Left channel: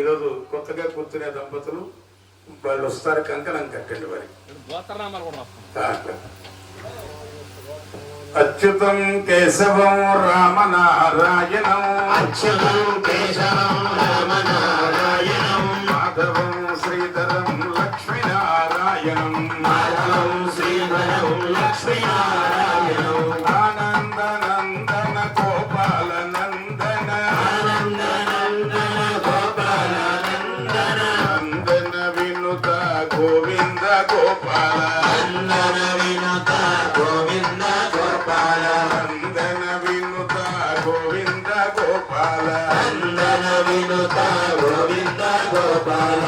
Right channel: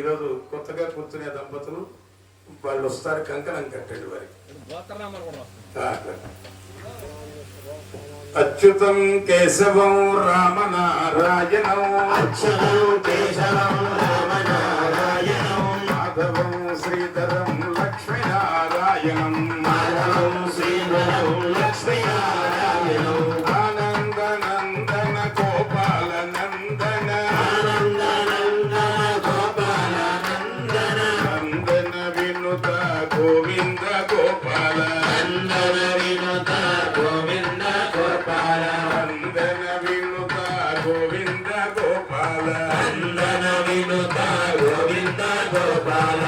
ఈరోజు కొత్తగా కూర్చునే దంపతులు వాళ్ళు వస్తారు, కంకణం కట్టండి వారి. అచ్యుతం కేశవం రామనారాయణం, అచ్యుతం కేశవం రామనారాయణం, మాధవం శ్రీధరం లక్ష్మీనారాయణం, మాధవం శ్రీధరం లక్ష్మీనారాయణం, ఆనందనందన గోపాల నందన, ఆనందనందన గోపాల నందన, నందన వినుత గోవింద గోపాల, నందన వినుత గోవింద గోపాల, నందన వినుత గోవింద గోపాల, నందన వినుత గోవింద గోపాల,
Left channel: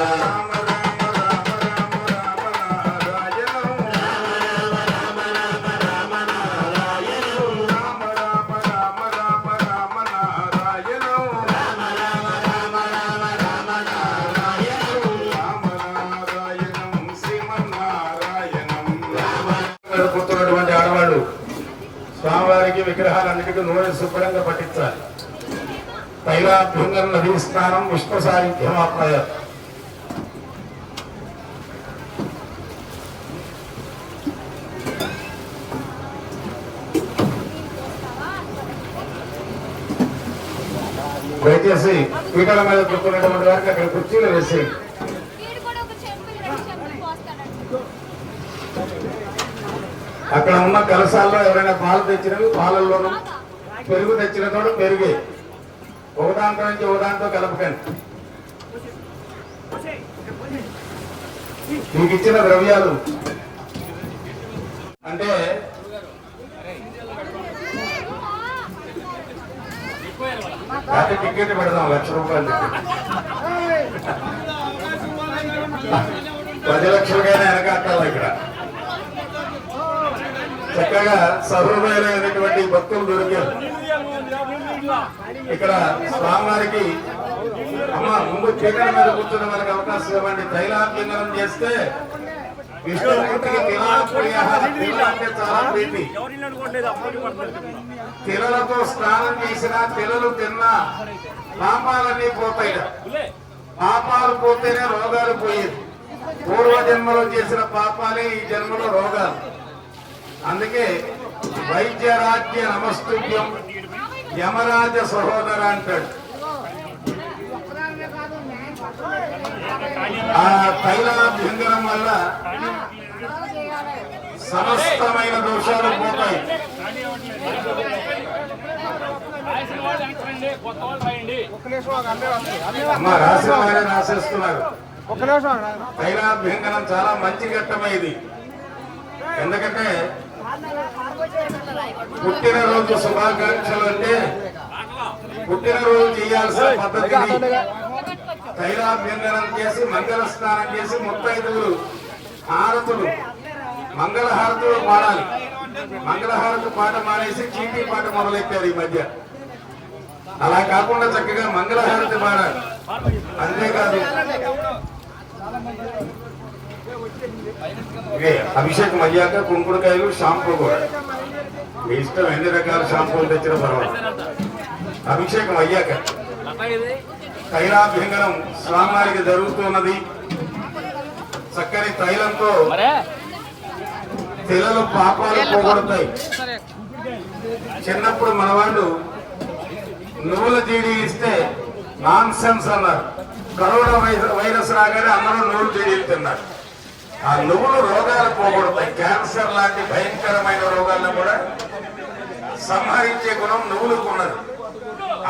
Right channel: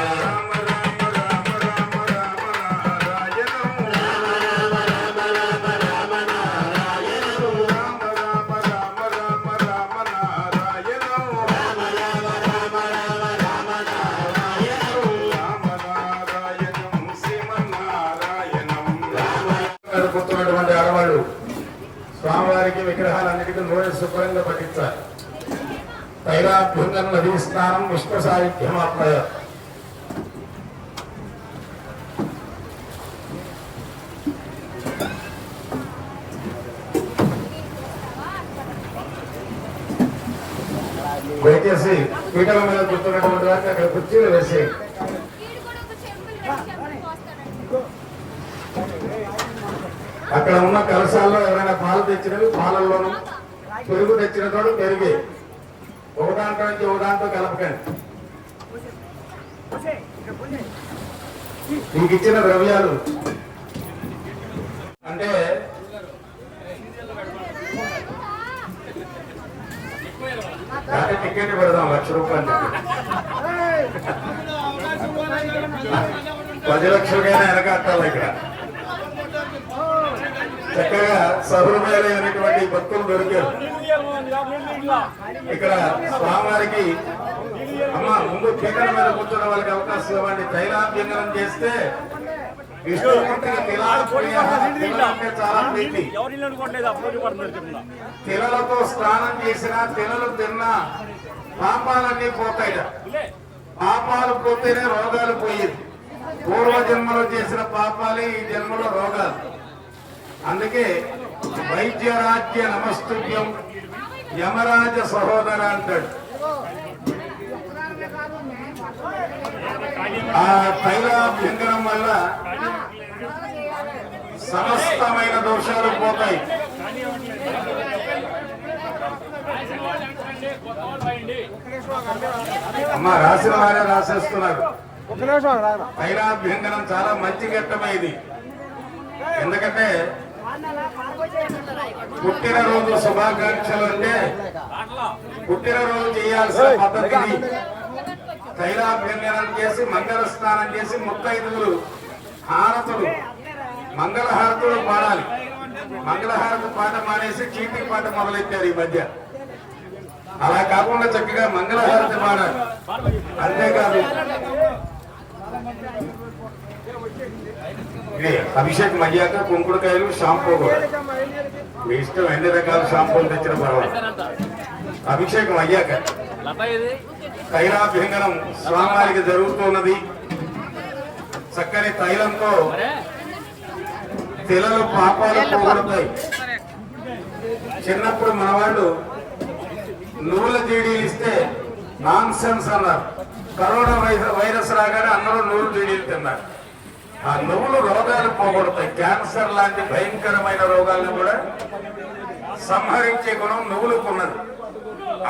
పుట్టినటువంటి ఆడవాళ్ళు స్వామివారికి విగ్రహాలన్నిటికీ నూనె శుభ్రంగా పట్టించాలి. తైలాభ్యంగం నదీ స్నానం విశ్వ సాహిత్యమాత్మయ. దయచేసి పీటల మీద కూర్చున్నటువంటి వారికి అక్కడ కుర్చీలు వేసేయండి. అక్కడ ఉన్న కలశాల్లో ఎవరైనా పాలు తెచ్చినవి పాలల్లోనూ, పెరుగు తెచ్చిన చోట పెరిగే ఒకదాంట్లో నుంచి ఒకదాంతో కలపకండి. మీకు ఇచ్చిన ద్రవ్యాలు అంటే టికెట్ పెడదాం 1,00,000 రూపాయలు. 10 లక్షలుగానే వెనకాటాలి. ఇక్కడ చక్కగా సహృదయులైనటువంటి భక్తులు దొరికారు. ఇక్కడ స్వామివారికి అమ్మ ముందు పీఠల మీద కూర్చోవడం వాళ్ళకి అవకాశం ఇవ్వండి. తైలాభ్యంగనం చేస్తే విష్ణుమూర్తికి అంటే చాలా ప్రీతి. తిలలతో స్నానం చేసినా తిలలు తిన్నా పాపాలన్నీ పోతాయి. పాపాలు పోతేనే రోగాలు పోయేది. పూర్వజన్మలో చేసిన పాపాలే ఈ జన్మలో రోగాలు. అందుకే వైద్యరాజ్య నమస్తుభ్యం యమరాజ సహోదర అంటాడు. ఆ తైలాభ్యంగనం వల్ల సమస్తమైన దోషాలు పోతాయి. అమ్మ రాసిన వారే రాసేస్తున్నారు. తైలాభ్యంగనం చాలా మంచి ఘట్టమైంది. ఎందుకంటే పుట్టినరోజు శుభాకాంక్షలు అంటే పుట్టినరోజు చేయాల్సిన పద్ధతి తైలాభ్యంగనం చేసి మంగళ స్నానం చేసి ముత్తైదువులు హారతులు మంగళహారతులు పాడాలి. మంగళహారతి పాట మానేసి చీటీ పాట మొదలెట్టారు ఈ మధ్య. అలా కాకుండా చక్కగా మంగళహారతి పాడాలి. అంతేకాదు అభిషేకం అయ్యాక కుంకుడుకాయలు షాంపూ కూడా మీ ఇష్టం, ఎన్ని రకాల షాంపూలు తెచ్చిన పర్వాలేదు. అభిషేకం అయ్యాక తైలాభ్యంగనం స్వామివారికి జరుగుతున్నది. చక్కని తైలంతో తిలలు పాపాలు పోగొడతాయి. చిన్నప్పుడు మన వాళ్ళు నువ్వుల జీడీలు ఇస్తే నాన్ సెన్స్ అన్నారు. కరోనా వైరస్ రాగానే అందరూ నువ్వుల జీడీలు తిన్నారు. ఆ నువ్వులు రోగాలు పోగొడతాయి. క్యాన్సర్ లాంటి భయంకరమైన రోగాలను కూడా సంహరించే గుణం నువ్వులకు ఉన్నది.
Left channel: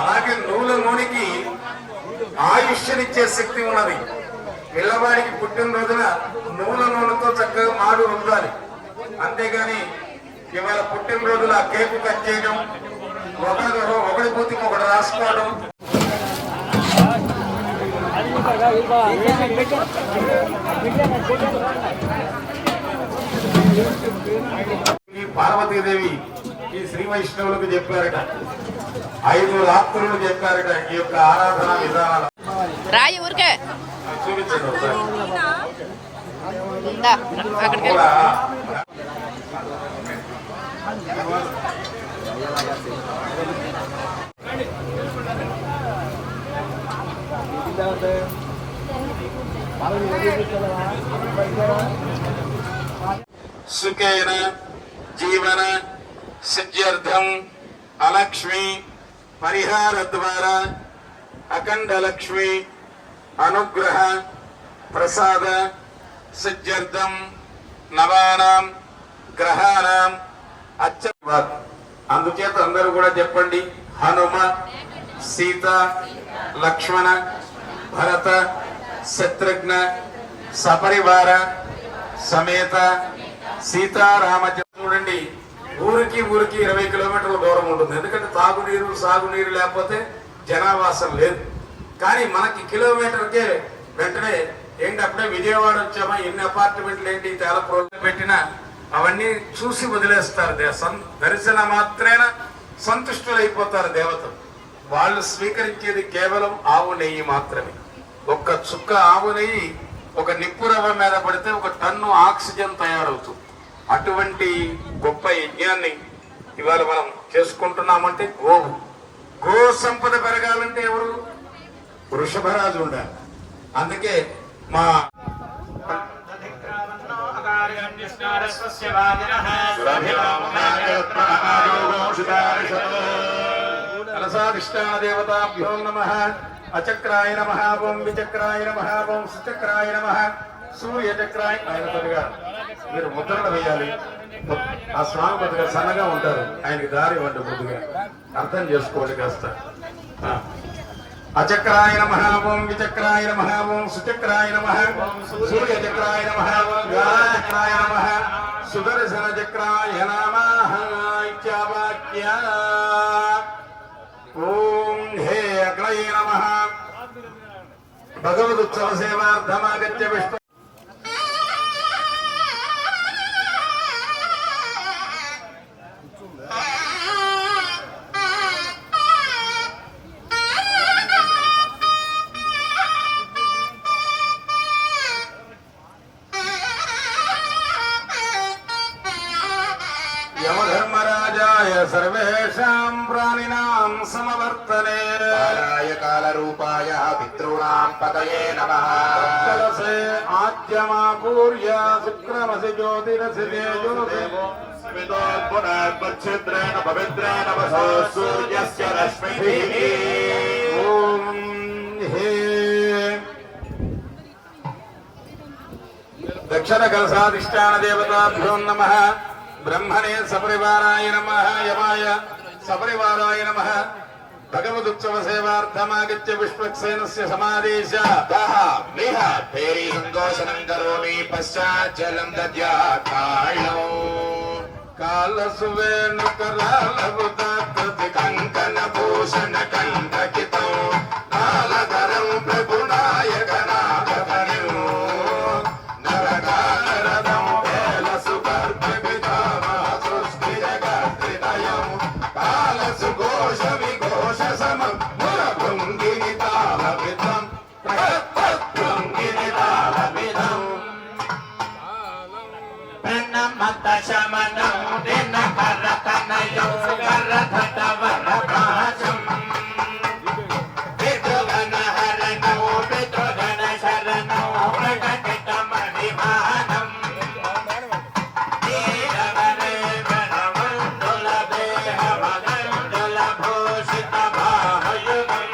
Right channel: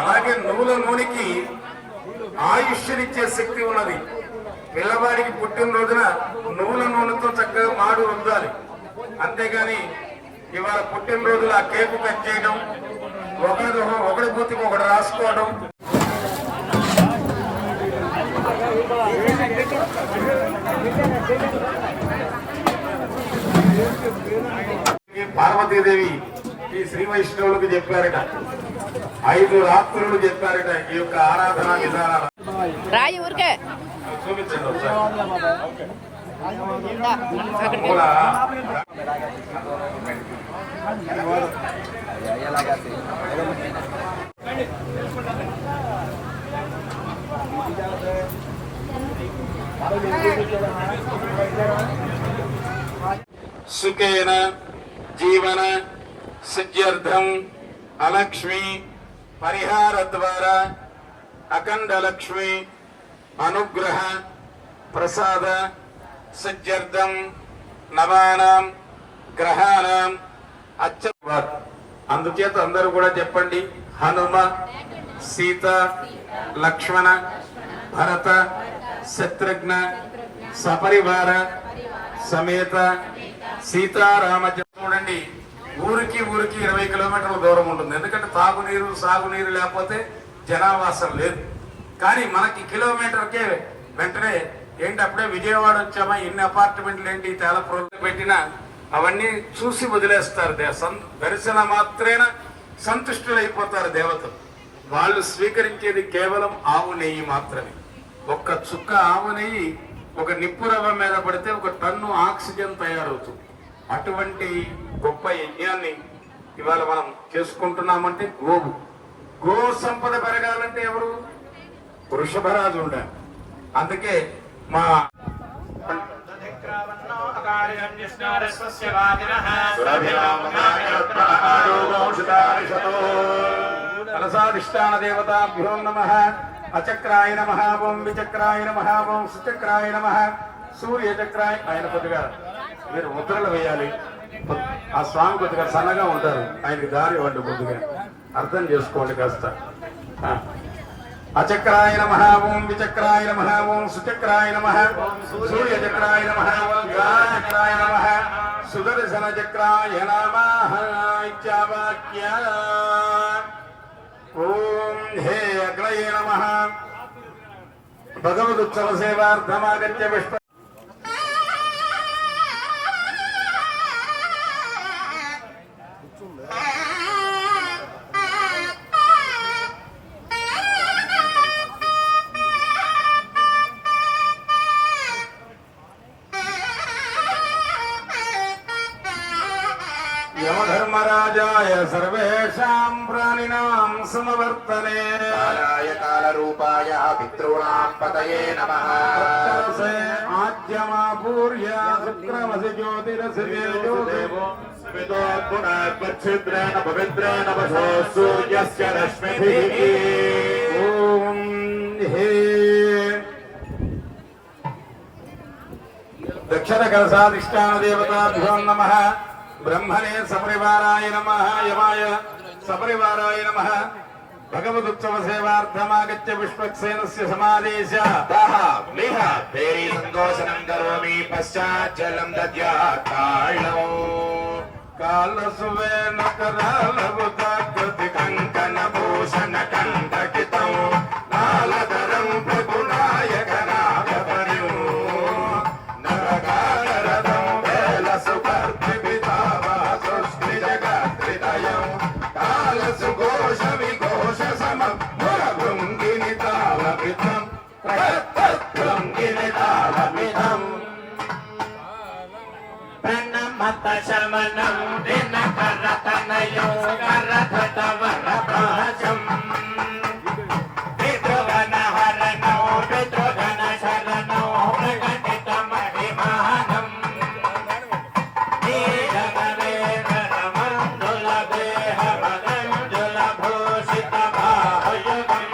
అలాగే నువ్వుల నూనెకి ఆయుష్నిచ్చే శక్తి ఉన్నది. పిల్లవాడికి పుట్టినరోజున నువ్వుల నూనెతో చక్కగా మాడు రుద్దాలి. అంతేగాని ఇవాళ పుట్టినరోజున ఆ కేకు కట్ చేయడం, ఒకటి పోతికి ఒకటి రాసుకోవడం, పార్వతీదేవి ఈ శ్రీ వైష్ణవులకు చెప్పారట. 5 రాత్రులు చెప్పారట ఈ యొక్క ఆరాధన విధానాలు. రాయి ఊరికే చూపించండి ఒకసారి. సుఖేన జీవన సిద్ధ్యర్థం అలక్ష్మి పరిహార ద్వారా అఖండ లక్ష్మి అనుగ్రహ ప్రసాద సిద్ధ్యర్థం నవానాం గ్రహాణం అందుచేత అందరూ కూడా చెప్పండి. హనుమ సీత లక్ష్మణ భరత శత్రుఘ్న సపరివార సమేత సీతారామ. చూడండి, ఊరికి 20 కిలోమీటర్ల దూరం ఉంటుంది. ఎందుకంటే తాగునీరు సాగునీరు లేకపోతే జనావాసం లేదు. కానీ మనకి కిలోమీటర్కే వెంటనే ఏంటి అప్పుడే విజయవాడ వచ్చామా, ఎన్ని అపార్ట్మెంట్లు ఏంటి తేలపురం పెట్టినా అవన్నీ చూసి వదిలేస్తారు. దర్శన మాత్రేన సంతుష్టులైపోతారు దేవతలు. వాళ్ళు స్వీకరించేది కేవలం ఆవు నెయ్యి మాత్రమే. ఒక్క చుక్క ఆవు నెయ్యి ఒక నిప్పురవ్వ మీద పడితే 1 టన్ను ఆక్సిజన్ తయారవుతుంది. అటువంటి గొప్ప యజ్ఞాన్ని ఇవాళ మనం చేసుకుంటున్నామంటే గో సంపద పెరగాలంటే ఎవరు? వృషభరాజు ఉండాలి. అందుకే మా కలసాధిష్టాన దేవతాభ్యో నమః. అచక్రాయ నమః, ఓం విచక్రాయ నమః, ఓం సుచక్రాయ నమః, సూర్యచక్రాయ. ఆయన కొద్దిగా మీరు ముద్రలు వేయాలి. ఆ స్వామి కొద్దిగా సన్నగా ఉంటారు, ఆయనకి దారి ఇవ్వండి. ముందుగా అర్థం చేసుకోండి కాస్త. అచక్రాయ నమః, ఓం విచక్రాయ నమః, ఓం సుచక్రాయ నమః, సూర్యచక్రాయ నమః, చక్రాయ నమః, సుదర్శన చక్రాయ నమః ఇత్యావాక్య. ఓం హే అగ్నయే నమః. భగవదుత్సవ సేవార్థమాగత్య విష్ణు. యమధర్మరాజాయ సర్వేషాం ప్రాణినాం సమవర్తనే. కాలాయ కాలరూపాయ పితॄణాం పతయే నమః. కలసే ఆద్యమాపూర్య శుక్రమసి జ్యోతిరసి తేజోదేవో విదోర్పునాత్మచ్ఛిద్రేణ పవిత్రేణ వశో సూర్యస్య రశ్మిభిః. ఓం హే దక్షిణ కలసాధిష్టాన దేవతాభ్యో నమః. బ్రహ్మణే సపరివారాయ నమః, యమాయ సపరివారాయ నమః. భగవదుత్సవ సేవార్థమాగత్య విశ్వక్సేనస్య సమాదేశ. తేరీ సంతోషనం కరోమి పశ్చాత్ జలం దద్యాత్మాయో. కాలసువేన కరాలముదాకృతి కంకణ భూషణ కంఠకితం కాలధరం ప్రగుణాయక నాగపరిం. నరకారరథం కేలసుకర్భితావసుష్ఠిరగత్రితయం కాలసుఘోష విఘోష సమం మురభృంగిని తాళవిధం భృంగిని తాళవిధం. ప్రణమత శమనం దినకరతనయో కరతవరపాశం విఘ్న హరణో విఘ్న శరణో ప్రకటిత మహిమానం. నీలవరే వరమండుల దేహమనండుల భూషిత భాయుగం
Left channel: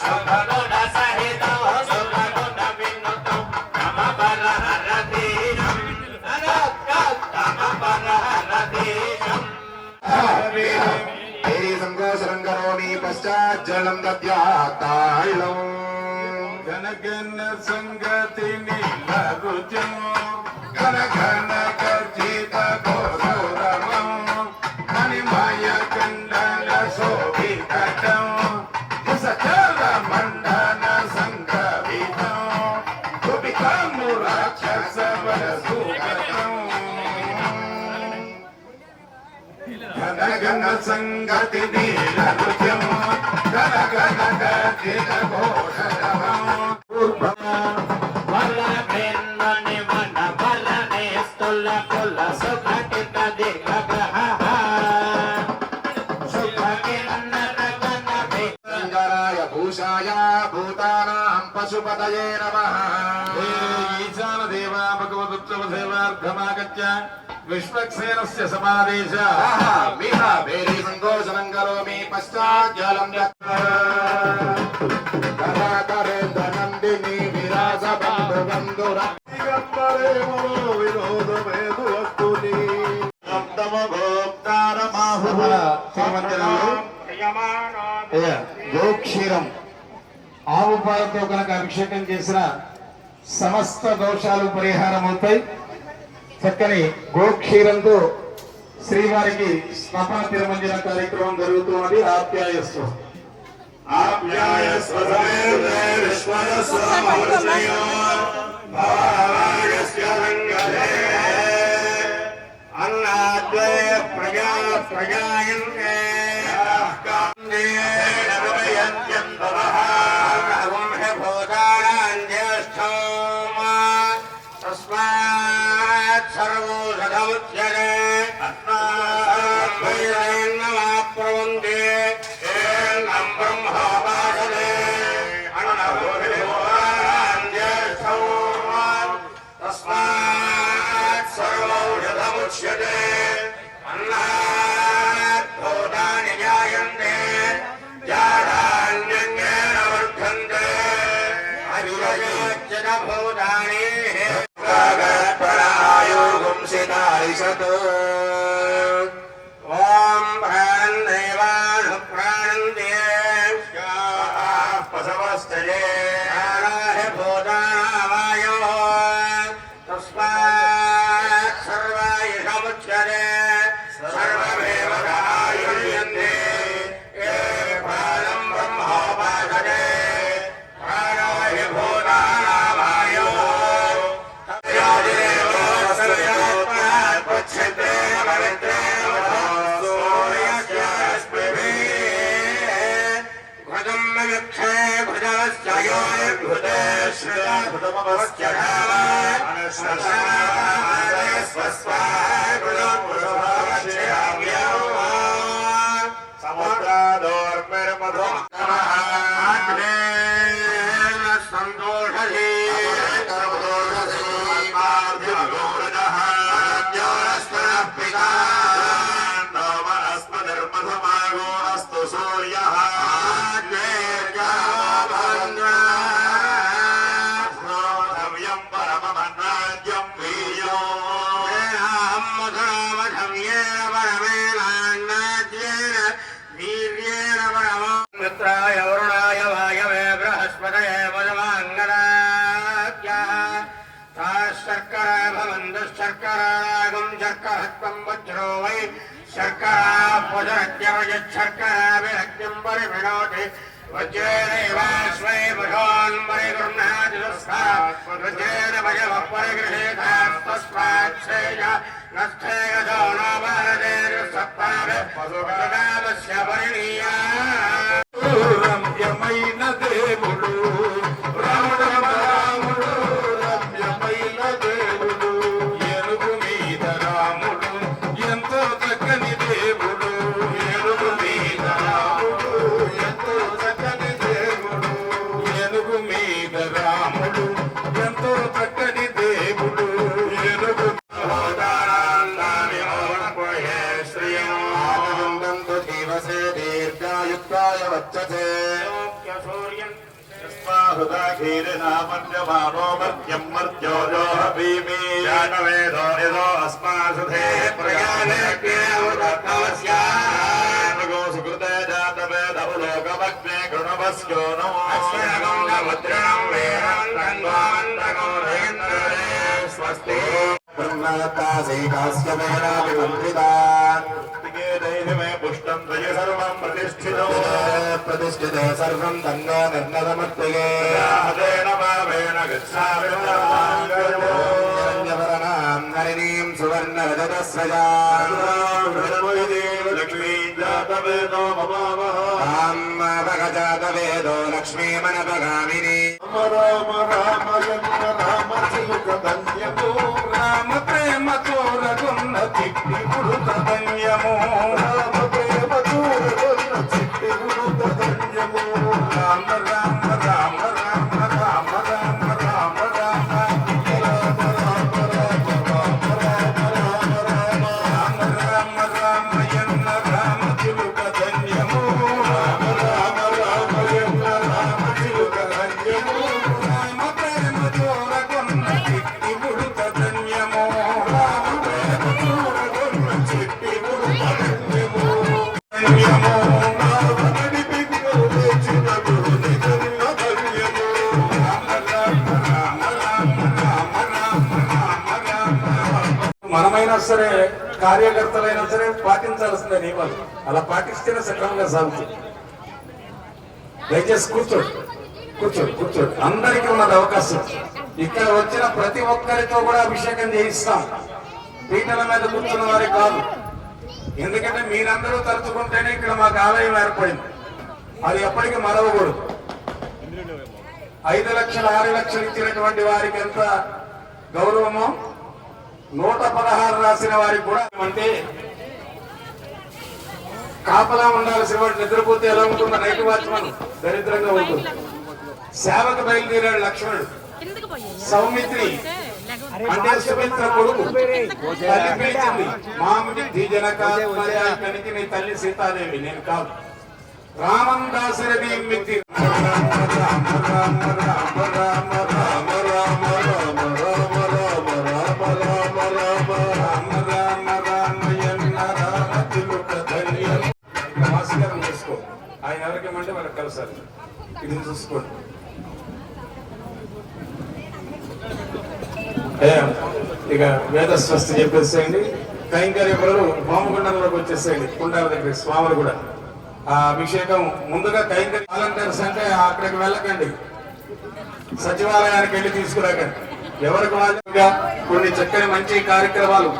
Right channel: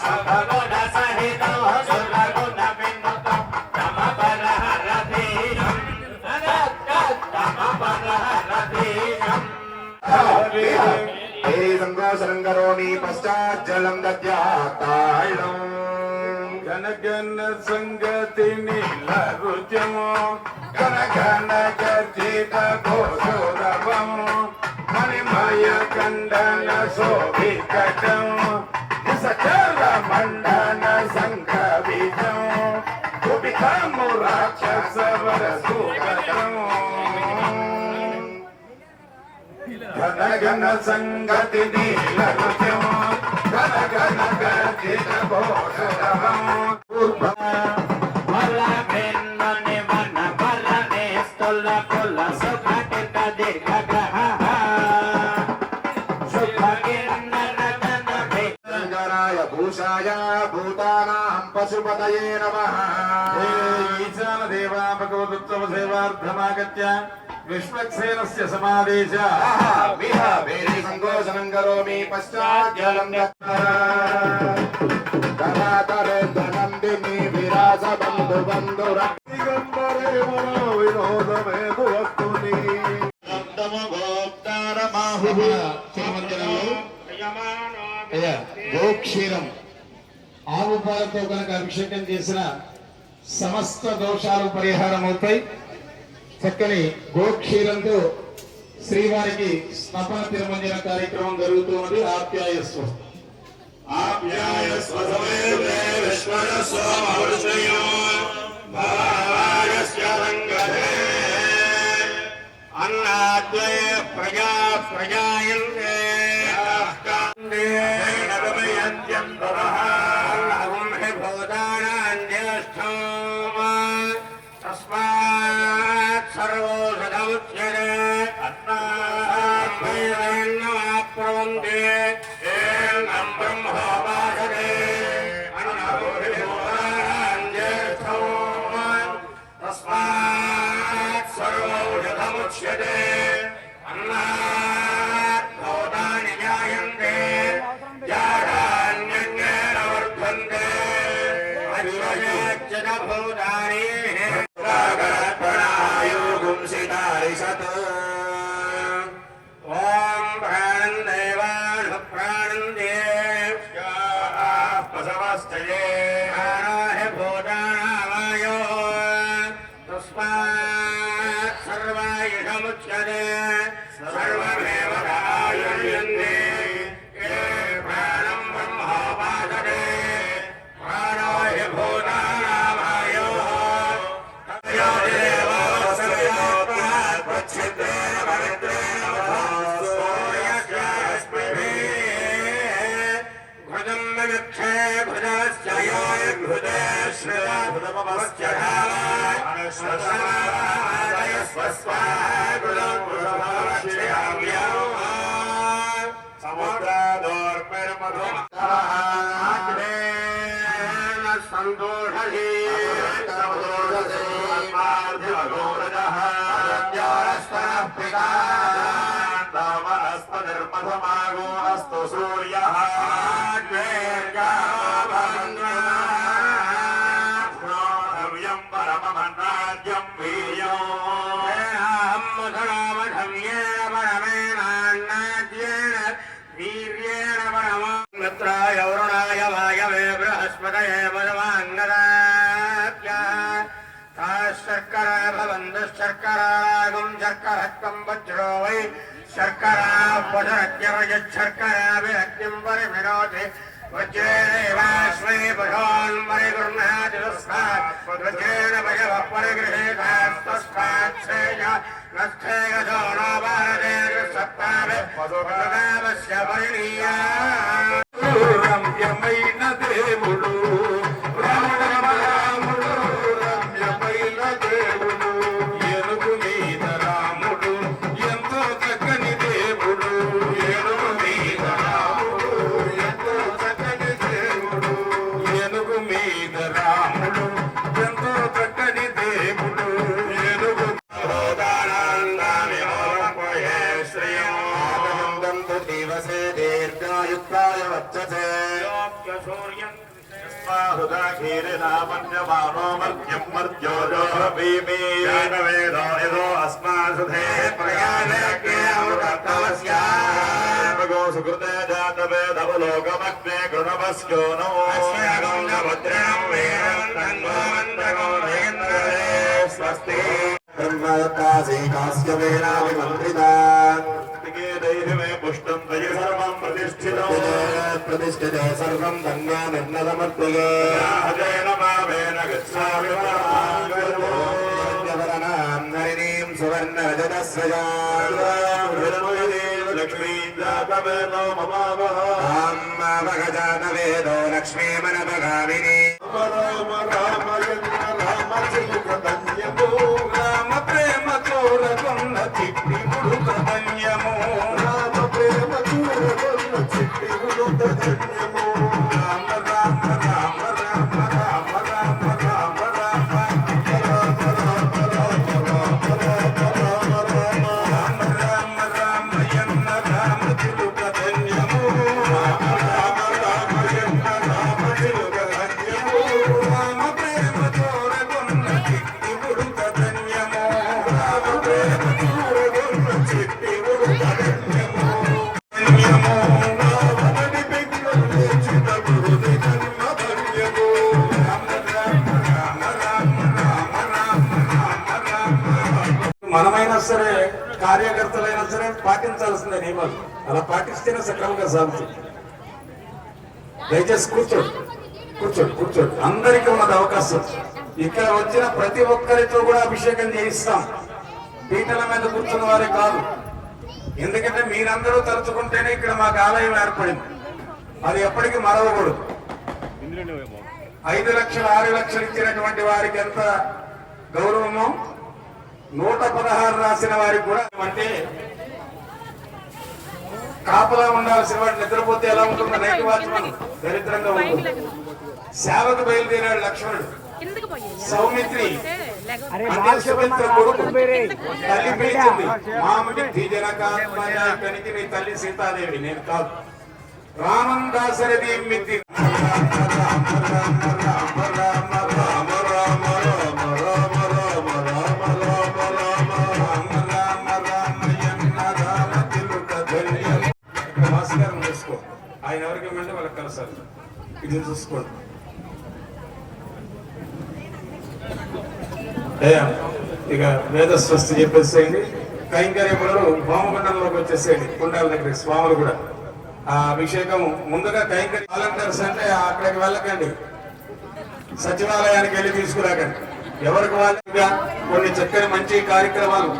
శుభగుణ సహితం సురగుణ వినుతం తమబల హరధీరం. సంకోచనం కరోమి పశ్చాత్ జలం దద్యాత్మాయో. గణగణ సంగతి నిలరుజము గణగణ గర్జిత గోసోరవం హరిమయ కండన శోభితం కుసచల మండన సంకవితం కుబికము రాక్షస వరసూకతం. గణగణ సంగతి నీలరుజము గణగణ గర్జిత ఘోషరవం. బలభిన్నని వన బలనే స్థుల కుల సుఘటిత దిగ్గ్రహ శుభకిన్నర గణ భూషాయ భూతానాం పశుపతయే నమః. ఈశాన దేవా భగవదుత్తమ సేవార్థమాగత్య విశ్వక్సేనస్య సమాదేశ విహ వేరే సంకోచనం కరోమి పశ్చాజ్జలం నందిని విరాజ బంధు బంధుర వినోదమేదు వస్తుని మన శ్రీమందిరంలో గోక్షీరం ఆవు పాలతో కనుక అభిషేకం చేసిన సమస్త దోషాలు పరిహారం అవుతాయి. చక్కని గోక్షీరంతో శ్రీవారికి స్నపన తిరుమంజన కార్యక్రమం జరుగుతున్నది. ఆప్యాయస్సు అన్నాద్వయ ప్రజా ప్రజాయంతే తస్మాత్ సర్వో సదముచ్యతే ప్రవంతే బ్రహ్మోపాసనే తస్మాత్ సర్వో సదముచ్యతే అన్నాత్ భూతాని జాయంతే జాడాన్యన్యేన వర్ధన్తే అవిరజయచ్చ భూతాని ఓం ప్రాణం దేవాను ప్రాణందే పశవస్తయే భూతానామాయో తస్మాత్ సర్వాయుషముచ్యతే సర్వమేవ ఆయుష్యంతే ప్రాణం బ్రహ్మోపాసతే ప్రాణాయ భూతానామాయో వనస్పతిర్మధమాగోస్తు సూర్యః ధ్యేయం పరమమన్నాద్యం వీర్యం మిత్రాయ వరుణాయ వాయవే బృహస్పతయే వదవాంగరాజ్ఞ శర్కరా భవంతు శర్కరాగం శర్కరత్వం వజ్రో వై శర్కరా పునరత్యవజశర్కరా విరక్తిం పరివినోతి వజ్రేణైవాస్మై పశోన్ పరిగృహ్ణాతి వజ్రేణ భజవ పరిగృహేతాస్తస్మాత్ శ్రేయ నస్థేయో నో భారతే సప్తాభి పశుపదావస్య పరిణీయా రమ్యమైన దేవుడు రాముడు రాముడు రమ్యమైన దేవుడు ఏనుగు మీద రాముడు ఎంతో చక్కని దేవుడు ఏనుగు మీద రాముడు ఎంతో చక్కని దేవుడు ఏనుగు మీద రాముడు ఎంతో చక్కని దేవుడు ఏనుగు దీర్ఘాయుక్తాయ వచ్చతే హృదాఖీరినామన్యమానో మర్త్యం మర్త్యోజో భీమి జానవేదో యదో అస్మాసుధే ప్రయాణగో సుకృతే జాతవేద ఉలోకమగ్నే కృణమస్యో నమో స్వస్తి బ్రహ్మకాశీ కాశ్యమేనాభిమంత్రితా పుష్టం త్వయి సర్వం ప్రతిష్ఠితో ప్రతిష్ఠితే సర్వం దంగా దండమర్పయే మావేన గచ్ఛామివరణాం హరిణీం సువర్ణరజతస్రజాం లక్ష్మీ జాతవేదో మమావహ లక్ష్మీమనభగామిని రామ రామ రామ చిలుక ధన్యము రామ ప్రేమ చోరగొన్న చిట్టి పుడుత ధన్యము రామ ప్రేమ చోరగొన్న చిట్టి పుడుత ధన్యము రామ రామ రామ రామ మనమైనా సరే కార్యకర్తలైనా సరే పాటించాల్సిన నియమాలు అలా పాటిస్తేనే సక్రమంగా సాగుతుంది. దయచేసి కూర్చోండి కూర్చోండి కూర్చోండి. అందరికీ ఉన్నది అవకాశం. ఇక్కడ వచ్చిన ప్రతి ఒక్కరితో కూడా అభిషేకం చేయిస్తాం. పీటల మీద కూర్చున్న వారి కాదు. ఎందుకంటే మీరందరూ తలుచుకుంటేనే ఇక్కడ మాకు ఆలయం ఏర్పడింది. అది ఎప్పటికీ మరవకూడదు. 5 లక్షలు 6 లక్షలు ఇచ్చినటువంటి వారికి ఎంత గౌరవమో 116 రాసిన వారికి కూడా అంటే కాపలా ఉండాల్సిన వాడు నిద్రపోతే ఎలా ఉంటుందో నైట్ వాచ్మన్ దరిద్రంగా ఉంటుంది. సేవకు బయలుదేరాడు లక్ష్మణుడు. సౌమిత్రి అంటే సుమిత్ర కొడుకు తల్లి పిలిచింది. మామిడి జనకాత్మయానికి నీ తల్లి సీతాదేవి నేను కాదు. రామం దాశరథి మిత్రి భాస్కరం చూసుకో. ఆయన ఎవరికేమంటే వాళ్ళకి కలసాలి. ఇది చూసుకోండి. ఇక వేద స్వస్తి చెప్పేసేయండి. కైంకర్య పనులు పాముగుండంలోకి వచ్చేసేయండి. కుండాల దగ్గర స్వాములు కూడా ఆ అభిషేకం ముందుగా కైంకర్య వాలంటీర్స్ అంటే అక్కడికి వెళ్ళకండి. సచివాలయానికి వెళ్ళి తీసుకురాకండి. ఎవరికి వాళ్ళుగా కొన్ని చక్కని మంచి కార్యక్రమాలు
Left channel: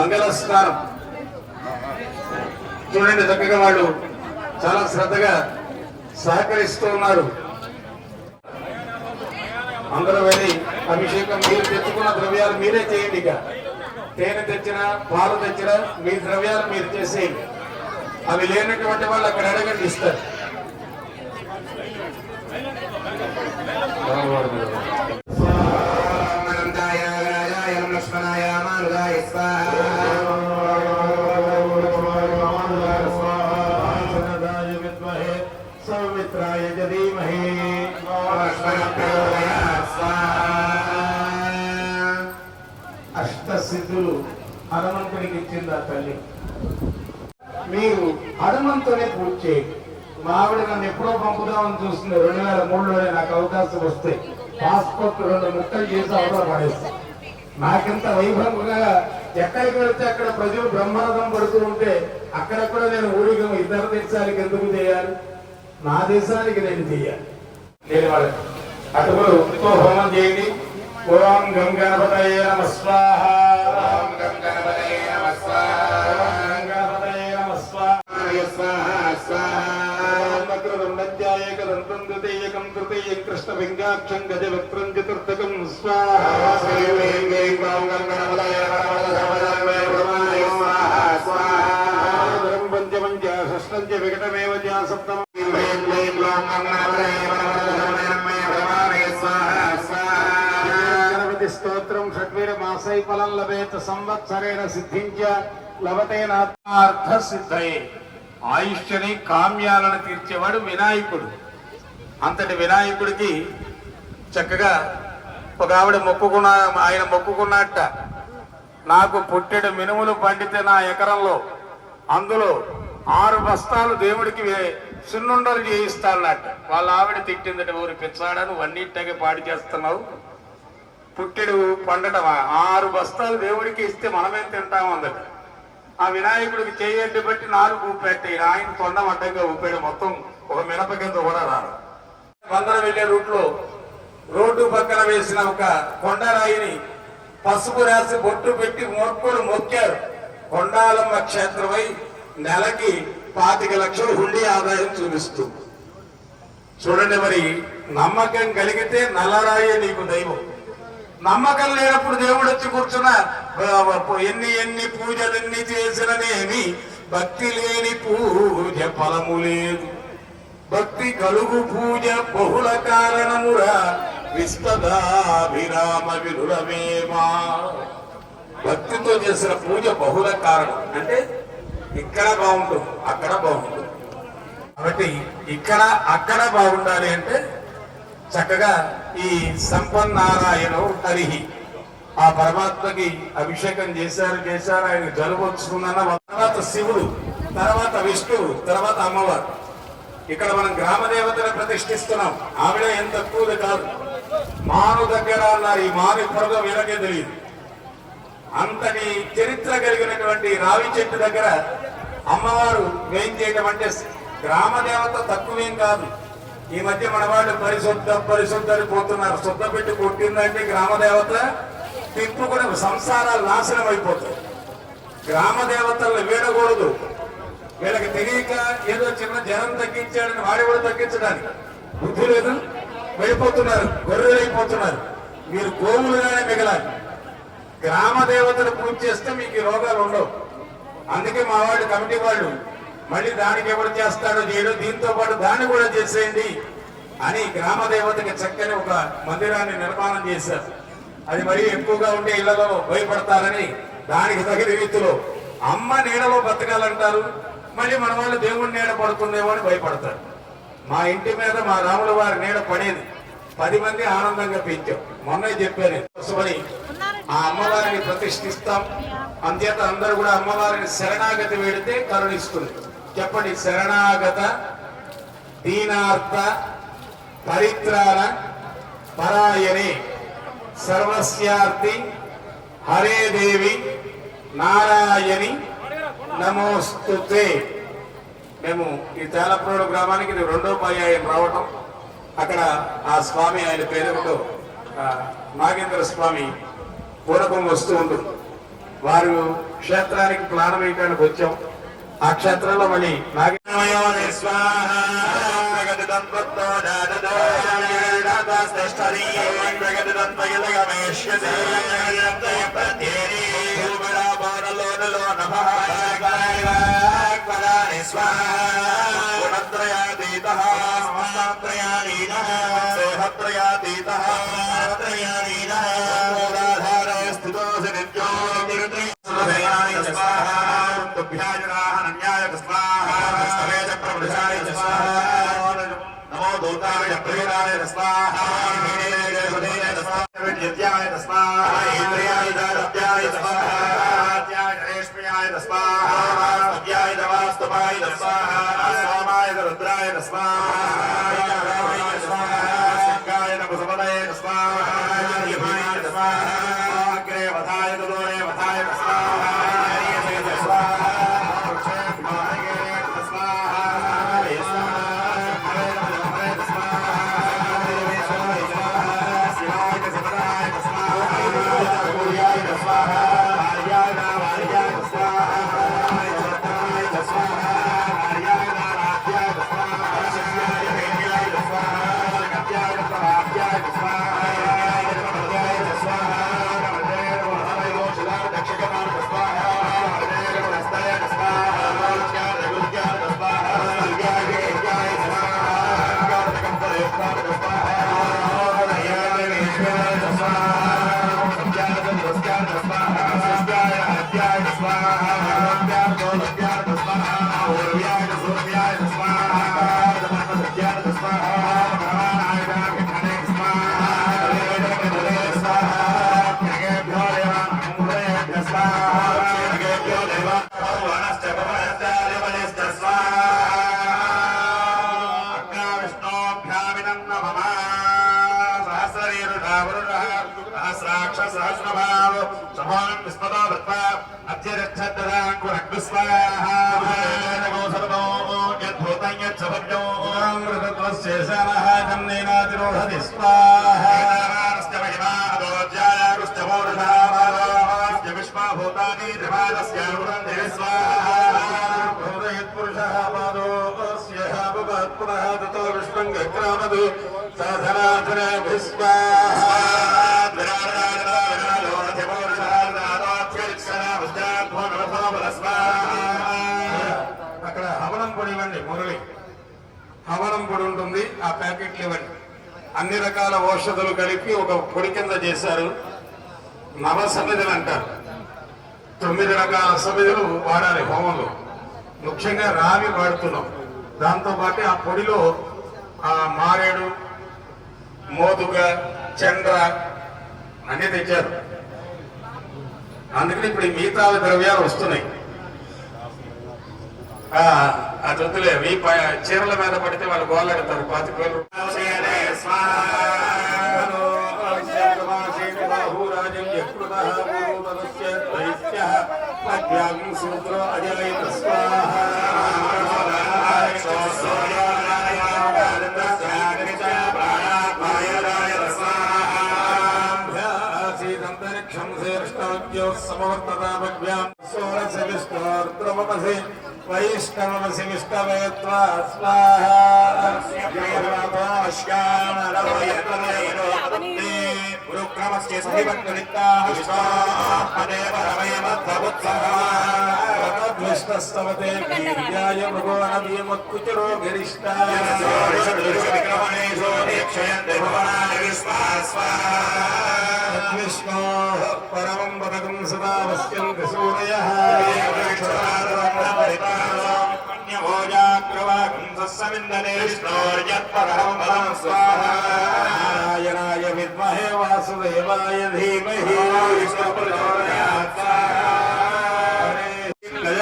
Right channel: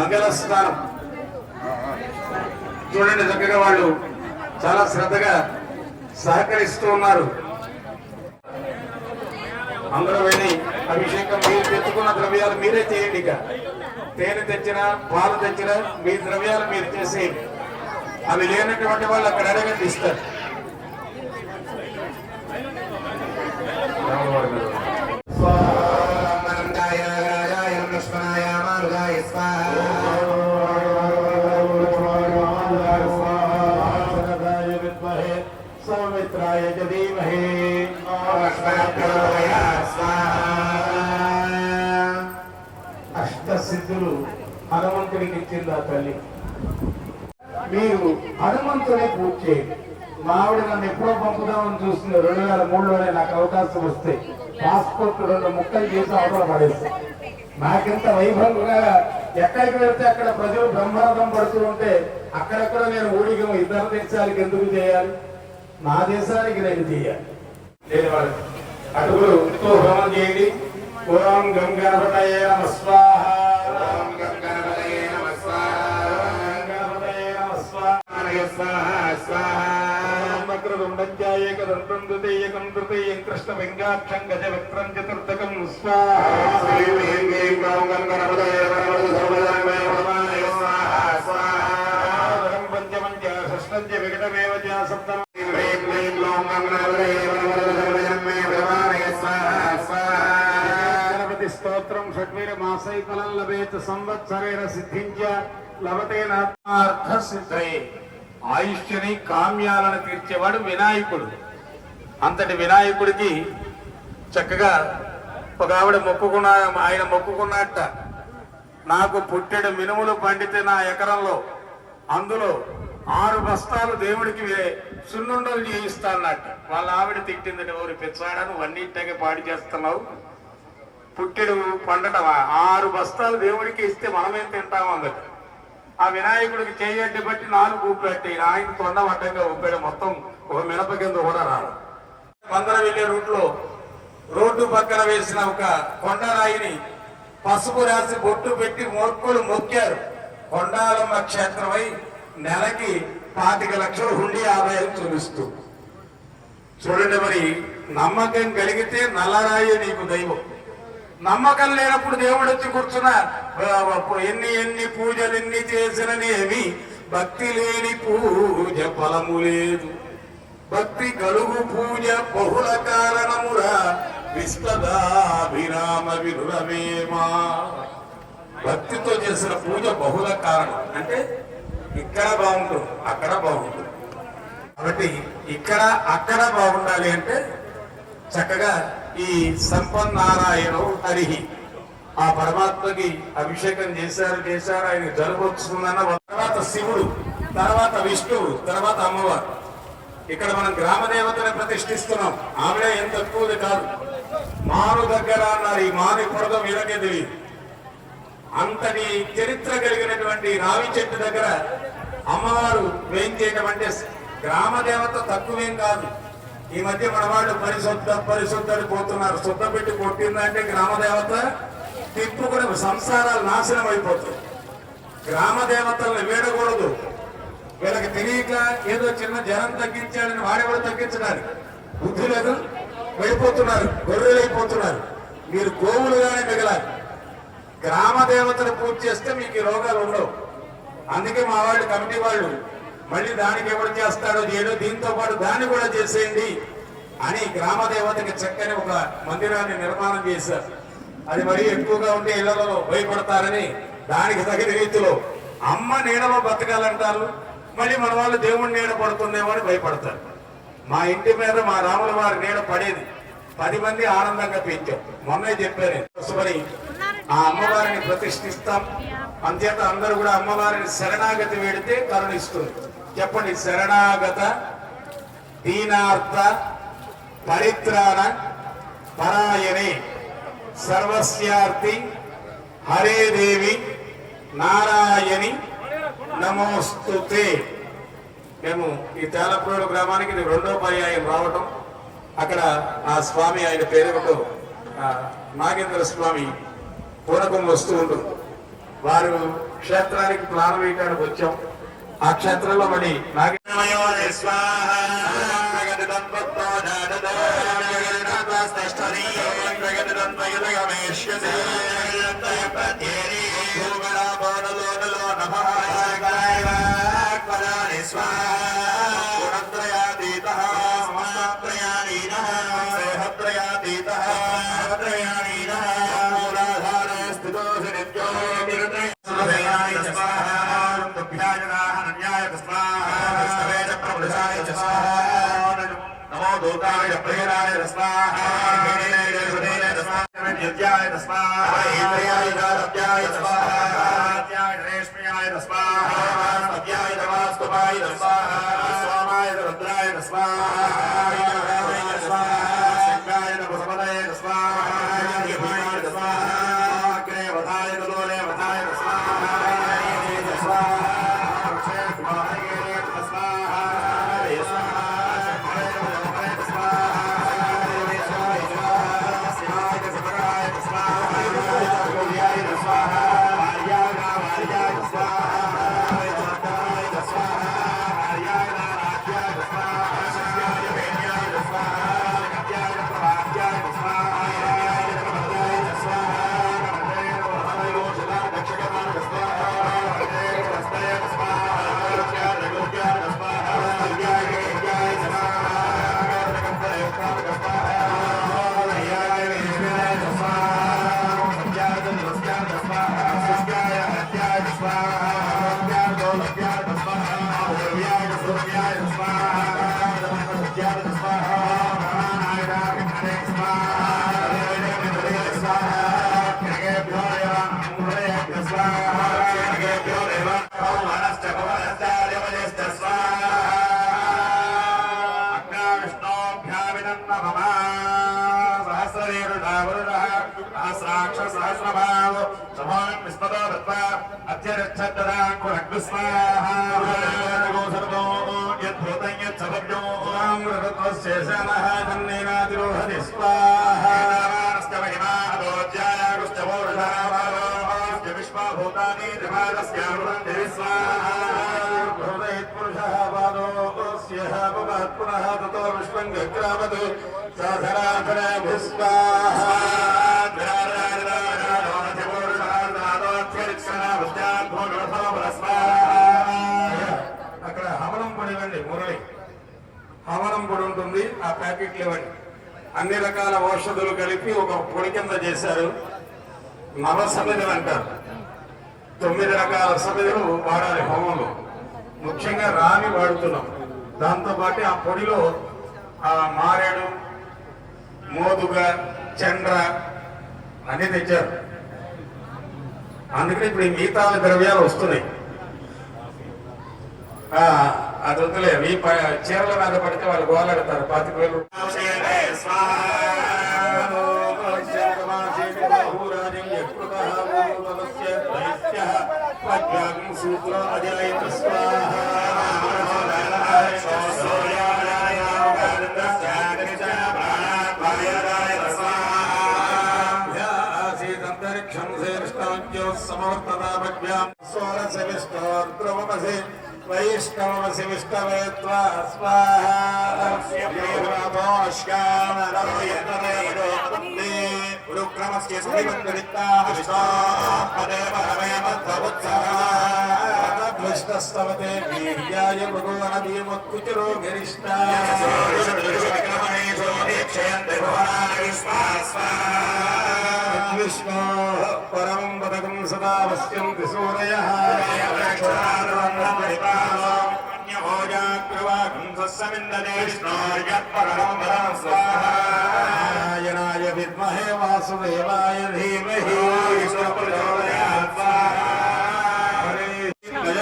మంగళ స్నానం చూడండి. చక్కగా వాళ్ళు చాలా శ్రద్ధగా సహకరిస్తూ ఉన్నారు. అందరూ వెళ్ళి అభిషేకం మీరు తెచ్చుకున్న ద్రవ్యాలు మీరే చేయండి. ఇక తేనె తెచ్చినా పాలు తెచ్చినా మీ ద్రవ్యాలు మీరు చేసేయండి. అవి లేనటువంటి వాళ్ళు అక్కడ అడగండి, ఇస్తారు. సౌమిత్రాయ ధీమహి అష్టసిద్ధులు హనుమంతుడికి ఇచ్చింది ఆ తల్లి. మీరు హనుమంతుని పూజ చేయండి. మా ఆవిడ నన్ను ఎప్పుడో పంపుదామని చూస్తుంది. 2003లోనే నాకు అవకాశం వస్తే పాస్పోర్ట్ 2 ముక్కలు చేసి అవతల పడేస్తాం. నాకింత వైభవంగా ఎక్కడికి వెళ్తే అక్కడ ప్రజలు బ్రహ్మరథం పడుతూ ఉంటే అక్కడక్కడ నేను ఊడిగం ఇతర దేశాలకు ఎందుకు చేయాలి? నా దేశానికి నేను చేయాలి. నేను వాళ్ళకి అటుకులతో హోమం చేయండి. ఓం గం గణపతయే నమః స్వాహ. ఓం గం గణపతయే నమః స్వాహ. ఓం గణపతయే నమః స్వాహ. స్వాహ స్వాహ. నకృతం విద్యాయేకదంతం ద్వితీయకం తృతీయం కృష్ణ వెంగాక్షం గజవక్త్రం చతుర్థకం స్వాహ. శ్రీం హ్రీం ఓం గం గణపతయే నమః స్వాహ. పంచమం చ షష్టం చ వికటమేవ చ సప్తమం స్తోత్రం షడ్వీర మాసై ఫలం లభేత సంవత్సరేణ సిద్ధించ లభతేనార్థ సిద్ధయే. ఆయుష్ని కామ్యాలను తీర్చేవాడు వినాయకుడు. అంతటి వినాయకుడికి చక్కగా ఒక ఆవిడ ఆయన మొక్కుకున్నట్ట, నాకు పుట్టెడు మినుములు పండితే నా ఎకరంలో అందులో 6 బస్తాలు దేవుడికి సున్నుండలు చేయిస్తానన్నట్ట. వాళ్ళ ఆవిడ తిట్టిందని, ఊరి పిచ్చాడను వన్నింటికి పాడి చేస్తున్నావు, పుట్టెడు పండటమా, 6 బస్తాలు దేవుడికి ఇస్తే మనమేం తింటాం అన్నది. ఆ వినాయకుడికి చేయడ్డి బట్టి 4 ఊపెట్టాయి. ఆయన కొండ అడ్డంగా ఊపాడు. మొత్తం ఒక మినప కింద కూడా రాదు. బందర వెళ్లే రూట్లో రోడ్డు పక్కన వేసిన ఒక కొండరాయిని పసుపు రాసి బొట్టు పెట్టి మొక్కులు మొక్కారు. కొండాలమ్మ క్షేత్రమై నెలకి 25 లక్షలు హుండీ ఆదాయం చూపిస్తూ. చూడండి, మరి నమ్మకం కలిగితే నల్లరాయే నీకు దైవం. నమ్మకం లేనప్పుడు దేవుడు వచ్చి కూర్చున్న ఎన్ని పూజలు ఎన్ని చేసిననేమి భక్తి లేని పూజ ఫలము లేదు. భక్తి కలుగు పూజ బహుళ కారణమురా విస్తదాభిరామ విరురమేమా. భక్తితో చేసిన పూజ బహుళ కారణం అంటే ఇక్కడ బాగుంటుంది, అక్కడ బాగుంటుంది. కాబట్టి ఇక్కడ అక్కడ బాగుండాలి అంటే చక్కగా ఈ సంపన్నారాయణ హరిహి ఆ పరమాత్మకి అభిషేకం చేశారు. ఆయన జలుబు వచ్చుకుందన్న తర్వాత శివుడు, తర్వాత విష్ణువు, తర్వాత అమ్మవారు. ఇక్కడ మనం గ్రామ దేవతను ప్రతిష్ఠిస్తున్నాం. ఆవిడ ఏం తక్కువది కాదు. మాను దగ్గర అన్నారు. ఈ మాను ఇప్పటిదో వీళ్ళకే తెలియదు. అంతటి చరిత్ర కలిగినటువంటి రావి చెట్టు దగ్గర అమ్మవారు వేయించేయడం అంటే గ్రామ దేవత తక్కువేం కాదు. ఈ మధ్య మన వాళ్ళు పరిశుద్ధని పోతున్నారు. శుద్ధ పెట్టి కొట్టిందంటే గ్రామ దేవత తిప్పుకుని సంసారాలు నాశనం అయిపోతాయి. గ్రామ దేవతలను వేడకూడదు. వీళ్ళకి తెలియక ఏదో చిన్న జ్వరం తగ్గించాడని వాడి కూడా తగ్గించడానికి బుద్ధి లేదు. వెళ్ళిపోతున్నారు, గొర్రెలైపోతున్నారు. మీరు గోవులుగానే మిగలాలి. గ్రామ దేవతను పూజ చేస్తే మీకు ఈ రోగాలు ఉండవు. అందుకే మా వాళ్ళు కమిటీ వాళ్ళు మళ్ళీ దానికి ఎవరు చేస్తాడో చేయడో, దీంతో పాటు దాన్ని కూడా చేసేయండి అని గ్రామ దేవతకి చక్కని ఒక మందిరాన్ని నిర్మాణం చేశారు. అది మరీ ఎక్కువగా ఉండే ఇళ్లలో భయపడతారని దానికి తగిన రీతిలో అమ్మ నీడలో బతకాలంటారు. మళ్ళీ మన వాళ్ళు దేవుడి నీడ పడుతుందేమో అని భయపడతారు. మా ఇంటి మీద మా రాముల వారి నీడ పడేది. 10 మంది ఆనందంగా పెంచాం. మొన్న చెప్పాను కోసమని ఆ అమ్మవారిని ప్రతిష్ఠిస్తాం. అంచేత అందరూ కూడా అమ్మవారిని శరణాగతి వేడితే కరుణిస్తుంది. చెప్పండి, శరణాగత దీనార్థ పరిత్రాణ పరాయణి సర్వస్యార్థి హరే దేవి నారాయణి నమోస్తుతే. మేము ఈ తేలప్రోడు గ్రామానికి ఇది 2వ పర్యాయం రావటం. అక్కడ ఆ స్వామి, ఆయన పేరుతో నాగేంద్ర స్వామి పూనకం వస్తూ ఉంటుంది. వారు క్షేత్రానికి ప్లాన్ వేయడానికి వచ్చాం. ఆ క్షేత్రంలో మళ్ళీ नमो दुर्गाय प्रियाय स्वाहा विद्याय स्वाहा इंद्रियाय रत्याय स्वाहा आद्याय रेशम्याय स्वाहा अद्याय नमस्तुभ्याय स्वाहा सोमाय रुद्राय स्वाहा शंकाय नमस्पदये स्वाहा देवाय स्वाहा अग्रे वधाय दोरे वधाय स्वाहा అక్కడ హవనం పొడి ఇవ్వండి. మురళి హవనం పొడి ఉంటుంది, ఆ ప్యాకెట్లు ఇవ్వండి. అన్ని రకాల ఔషధులు కలిపి ఒక పొడి కింద చేశారు. నవసమిధులు అంటారు. 9 రకాల సమిధులు వాడాలి హోమంలో. ముఖ్యంగా రావి వాడుతున్నాం. దాంతో పాటు ఆ పొడిలో ఆ మారేడు, మోదుగ, చండ్ర అన్ని తెచ్చారు. అందుకని ఇప్పుడు ఈ మిగతా ద్రవ్యాలు వస్తున్నాయి. అది వద్దులే, మీ చీరల మీద పడితే వాళ్ళు గోలాడతారు. 25,000 कृतः मूलतलस्य दैत्यः प्रज्ञां सूत्रो अजयत स्वाहा आसीदन्तरिक्षं श्रेष्ठवद्यो समवर्ततामभ्यां सोरसविष्णोर्ध्रुवमसि वैष्णवमसि विष्णवे त्वा स्वाहा गुरुक्रमस्य सुनिमन्त्रिताष्टादेवस्तवते वीर्याय भगवानवीमत्कुचरो गरिष्ठाय विष्णोः परमं पदकं सदा पश्यन्ति सूरयः नारायणाय विद्महे वासुदेवाय धीमहि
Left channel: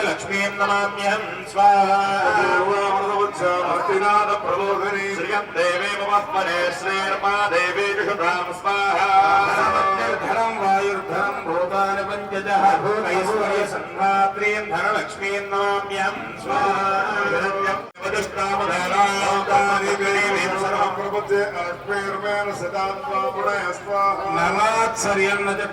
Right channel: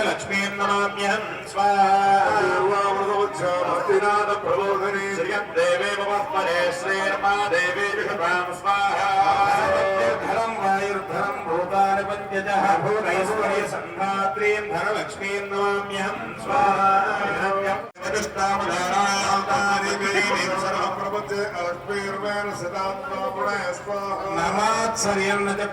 लक्ष्मीं नमाम्यहं स्वाहा भक्तिनाथ प्रबोधने श्रियं देवे नमस्मरे श्रीर्मा देवी जुषतां स्वाहा धरं वायुर्धरं भूतानि पञ्चजः भूतैश्वर्य संधात्रीं धनलक्ष्मीं नमाम्यहं स्वाहा नमात्सर्यन्न च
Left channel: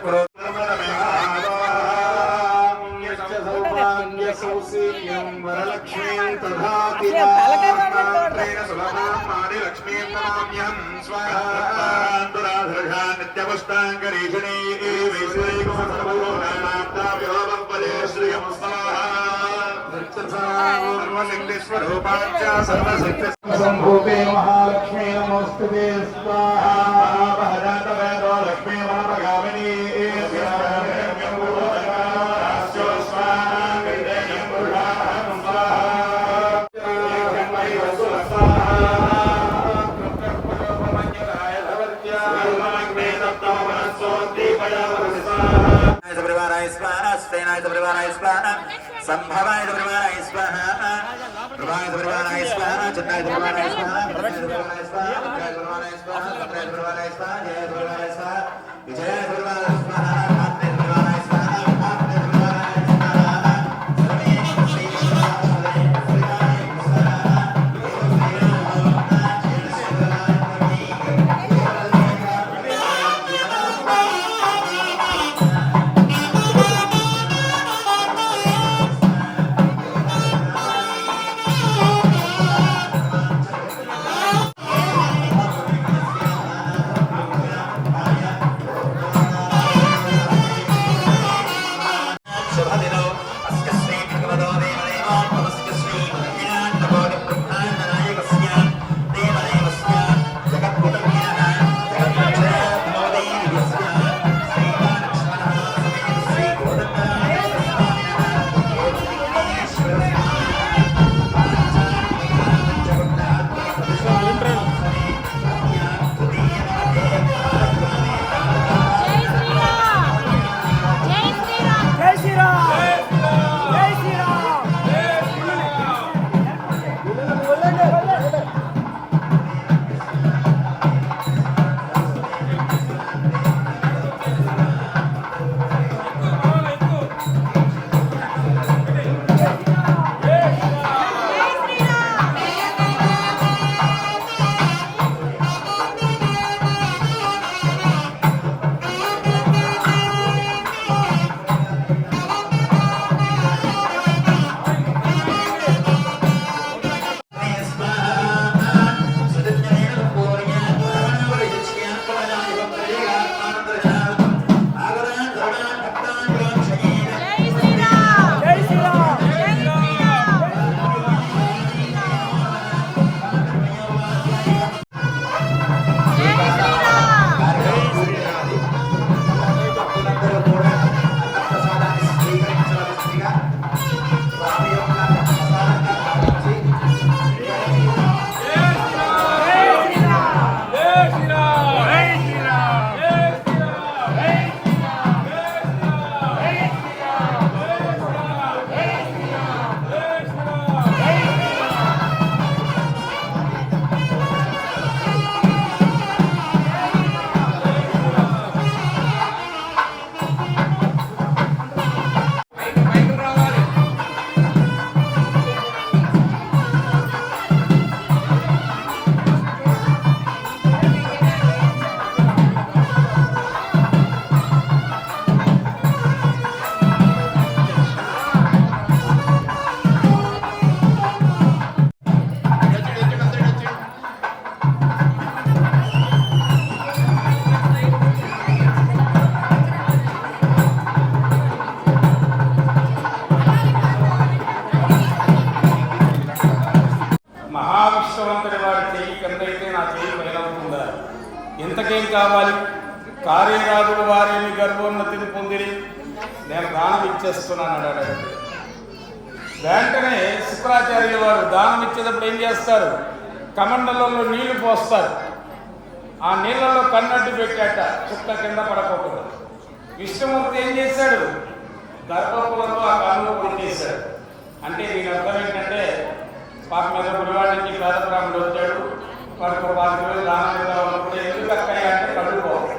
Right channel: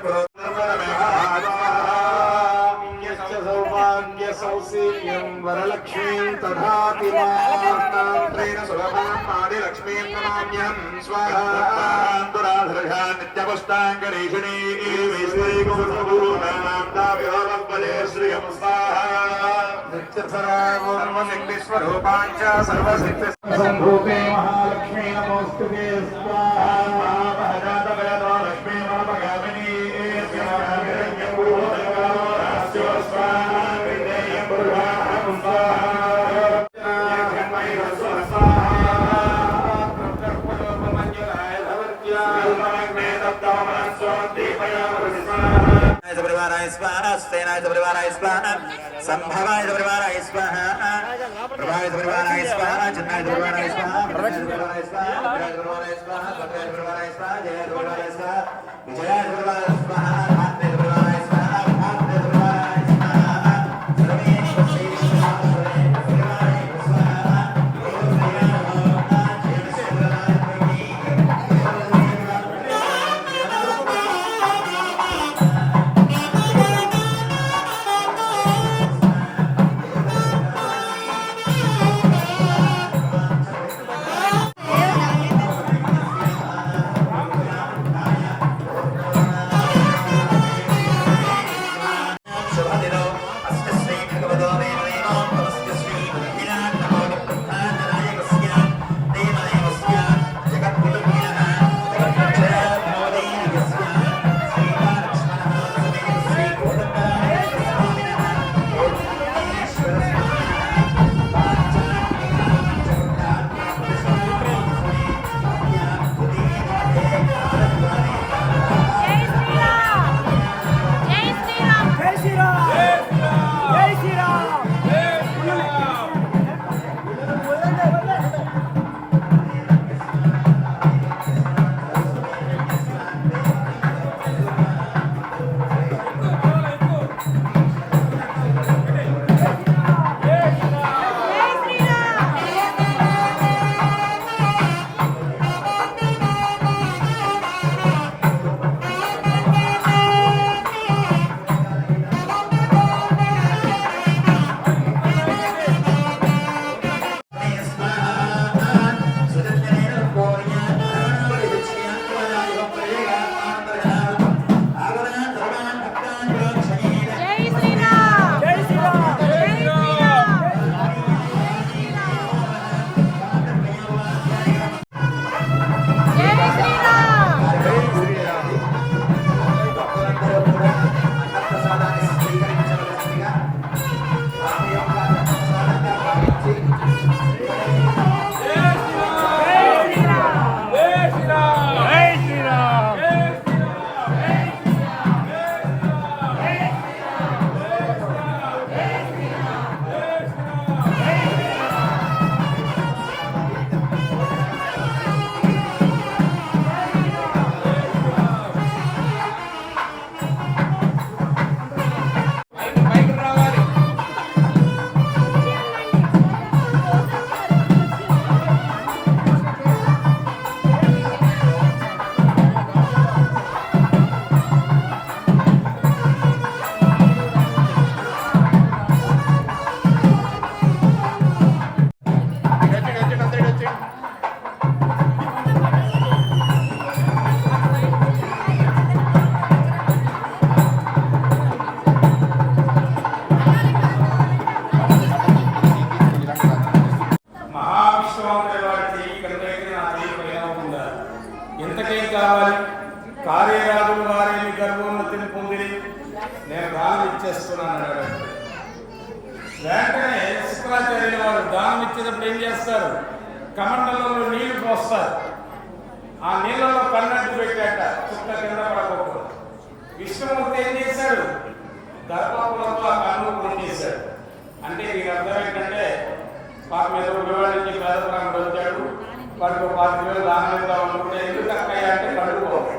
सौशील्यं वरलक्ष्मीं तथापि मात्रेण सुलभां आदिलक्ष्मीं नमाम्यहं स्वाहा नित्यपुष्टाङ्गरीषिणी श्रियं स्वाहा सर्वशक्तिस्वरूपाञ्च सर्वशक्ति सम्भूते महालक्ष्मी नमोऽस्तुते स्वाहा लक्ष्मी मनोपगामिनी संभवाय परिवाराय स्वाहा प्रभाय परिवाराय स्वाहा चिन्नाय परिवाराय स्वाहा प्रभाय परिवाराय स्वाहा परिवाराय स्वाहा संभय परिवाराय स्वाहा जय परिवाराय स्वाहा विजय परिवाराय स्वाहा भाग्य परिवाराय स्वाहा भाग्य परिवाराय स्वाहा ఇంతకేం కావాలి? కార్యరాజులు వారిని గర్భోన్నతిని పొందిరి, నేను దానం ఇచ్చేస్తున్నాను అన్నాడు. వెంటనే శుక్రాచార్యుల వారు దానం ఇచ్చేటప్పుడు ఏం చేస్తారు? కమండలంలో నీళ్లు పోస్తారు. ఆ నీళ్ళలో కన్నట్టు పెట్టాట, చుక్క కింద పడకూడదు. విష్ణుమూర్తి ఏం చేశాడు? గర్భపురంలో ఆ కన్ను పొందేశాడు. అంటే వీళ్ళ అర్థం ఏంటంటే, మా మీద వివాహానికి రాజకాండ వచ్చాడు, మనకు 10 వేలు దానం ఇద్దాం అనుకుంటే ఎందుకు అక్కయ్య అంటే అడుగుకోవాలి.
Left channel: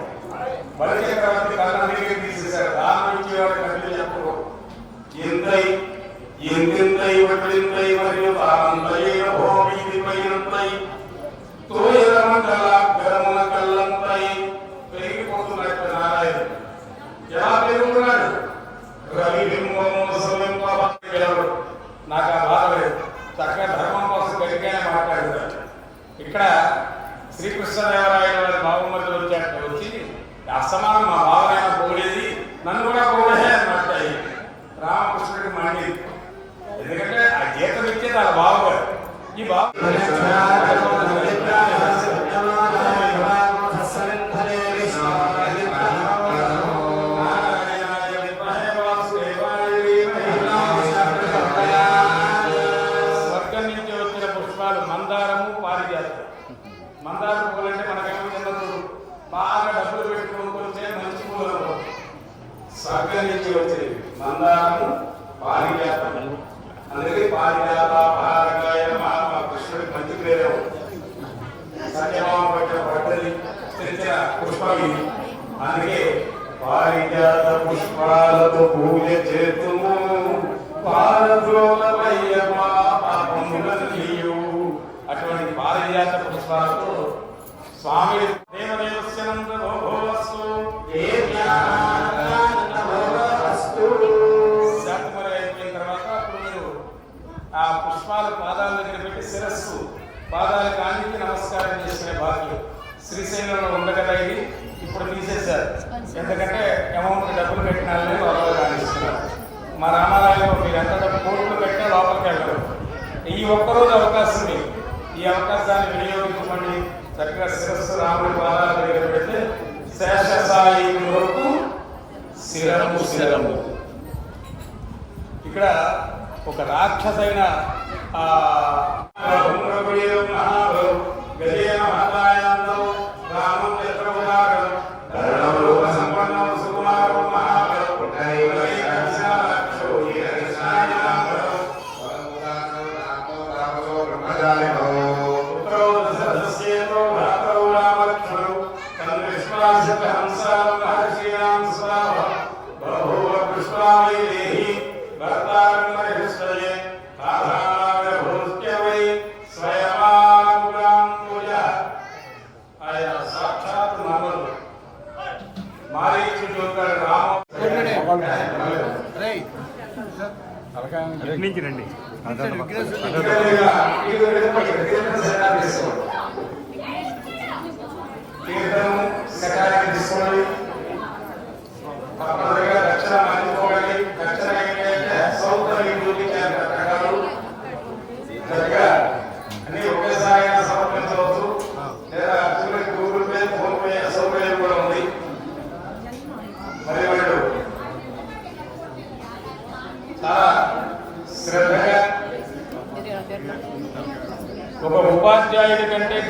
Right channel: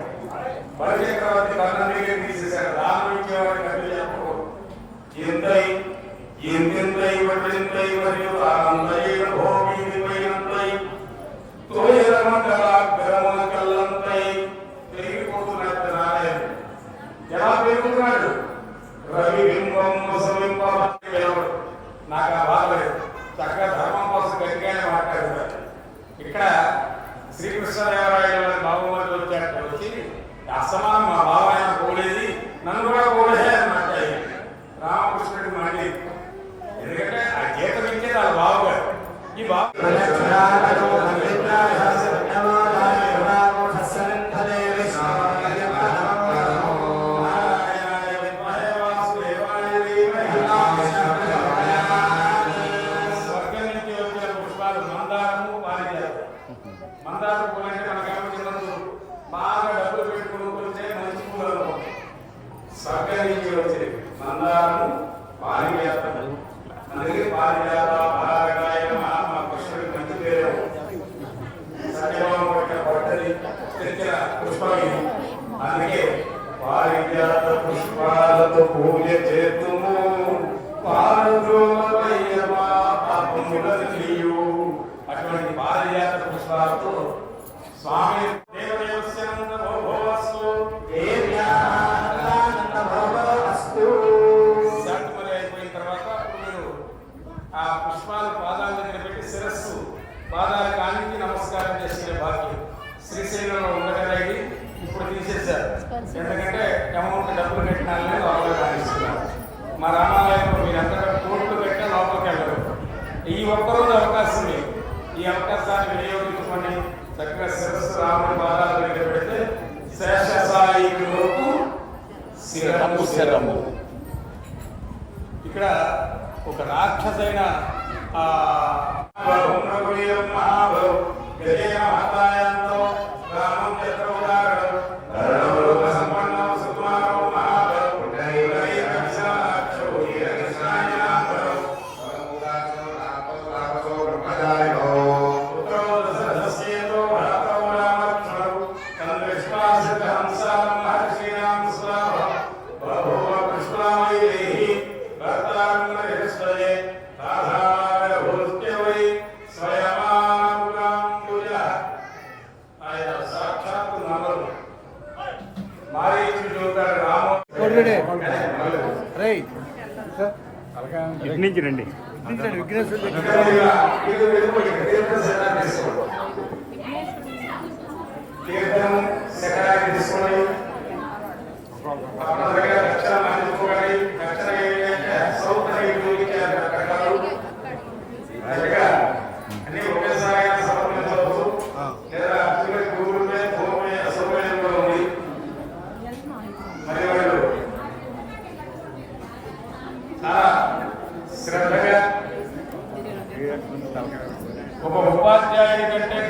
బలి చక్రవర్తి కన్నీళ్ళు తీసేశారు. దానం ఇచ్చేవాడికి అడ్డు చెప్పకూడదు. ఎంతై వడ్లింతై మరియు తానంతైన భోగిపైనంతై తోయరమండలాగ్రమున కల్లంతై పెరిగిపోతున్నట్టు నారాయణ ఎలా పెరుగుతున్నాడు? రవి బింబము సమీపడు. నాకు ఆ బాధ లేదు, చక్కగా ధర్మం కోసం గట్టిగా మాట్లాడతారు. ఇక్కడ శ్రీకృష్ణదేవరాయలు నవమతి వచ్చినట్టు వచ్చి అసమానం మా బాబాయన కూడేది, నన్ను కూడా కూడే అని మాట్లాడి రామకృష్ణుడికి మళ్ళీ, ఎందుకంటే ఆ గీతం ఇచ్చేది ఆ బాబాయ్. ఈ స్వర్గం నుంచి వచ్చిన పుష్పాలు మందారము, పారిజాతం. మందార పూలు అంటే మనకు బాగా డబ్బులు పెట్టుకోకపోతే మంచి పూలు. స్వర్గం నుంచి వచ్చేది మందారము, పారిజాతం. అందుకే పారిజాత పారగాయ మా కృష్ణుడికి మంచి పేరే. సత్యభామ పెట్టిన పట్టది తెచ్చిన పుష్పం ఇది. అందుకే పారిజాత పుష్పాలతో పూజ చేతుము, అటువంటి పారిజాత పుష్పాలతో స్వామి ఆ పుష్పాలు పాదాల దగ్గర పెట్టి శిరస్సు పాదాలకు ఆనికి నమస్కారం చేసిన భాగ్యం శ్రీశైలంలో ఉండగలిగి ఇప్పుడు తీసేశారు. ఎందుకంటే అమౌంట్ డబ్బులు పెట్టినా లోపల రాణిస్తున్నారు. మా రామాలయంలో మీరు ఎంత కోట్లు పెట్టినా లోపలికి వెళ్ళరు. ఈ ఒక్కరోజు అవకాశం లేదు. ఈ అవకాశాన్ని వినియోగించుకొని చక్కగా శిరస్సు రాముడి పాదాల దగ్గర పెడితే శేషసాయికులకు శిరము శిరము. ఇక్కడ ఒక రాక్షసైన సాక్షాత్ మనలు మారీచుడు నుంచి రండి. తీర్థము శకాన్ని తీసుకోండి. రక్షణ మారిపోవాలి. రక్షణ ఏంటంటే సౌకర్యం చూపించారు రకరకాలు దగ్గర అన్ని ఒకేసారి సమర్పించవచ్చు. లేదా చివరికి గూగుల్ పే, ఫోన్ పే సౌకర్యం కూడా ఉంది. మరి వాళ్ళు చాలా శ్రద్ధగా ఒక ఉపాధ్యాయుడి కంటే